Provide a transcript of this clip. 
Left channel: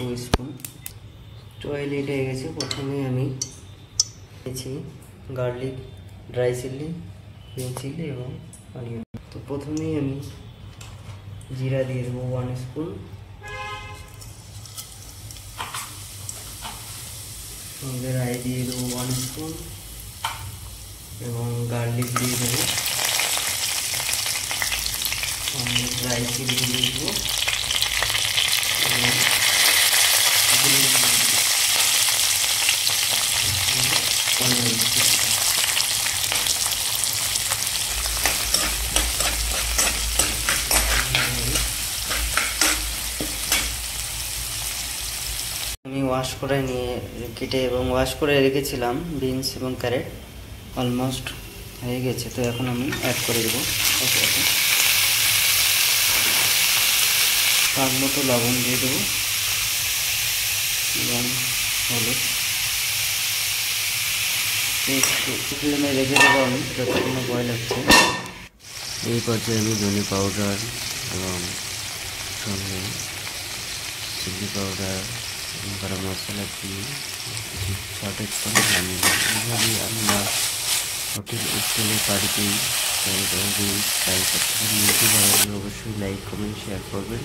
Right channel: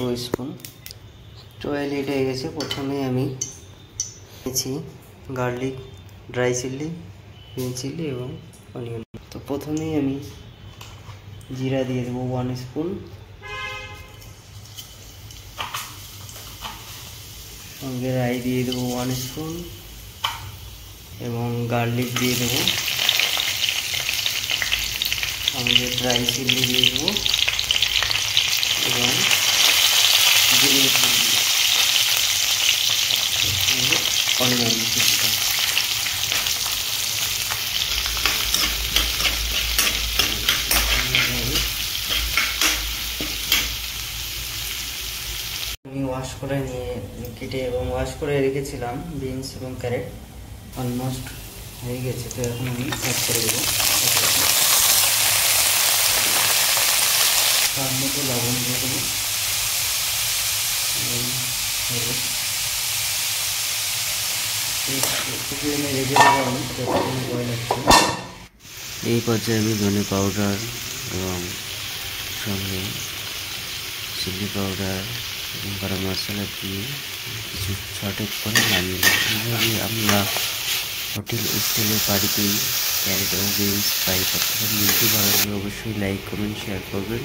2 spoon. তো oil hit হয়ে গেছে। প্রথমে আমি নিয়েছি garlic, dry chilli, green chilli এবং অনিয়ন। তো প্রথমেই আমি জিরা দিয়ে দেবো 1 স্পুন, সঙ্গে রাই দিয়ে দেবো 1 স্পুন এবং গার্লিক দিয়ে দেবো, সঙ্গে ড্রাই চিলি দিয়ে দেবো এবং গ্রিন চিলি, অনিয়ন কিছুটা। আমি ওয়াশ করে কেটে এবং ওয়াশ করে রেখেছিলাম বিনস এবং ক্যারেট, অলমোস্ট হয়ে গেছে। তো এখন আমি অ্যাড করে দেবো স্বাদ মতো লবণ দিয়ে দেবো এবং হলুদ। ফ্লেমে রেখে দেবো আমি যতক্ষণ বয়েল হচ্ছে। এই পর্যায়ে আমি ধনে পাউডার এবং সঙ্গে চিলি পাউডার এবং গরম মশলা দিয়ে কিছু শর্টেজ করে নামিয়ে নিই। এইভাবে আমরা হোটেল স্টাইলের বাড়িতেই ক্যারেট এবং বিনস ফ্রাই করতে পারি। ইউটিউব ভালো লাগলে অবশ্যই লাইক, কমেন্ট, শেয়ার করবেন।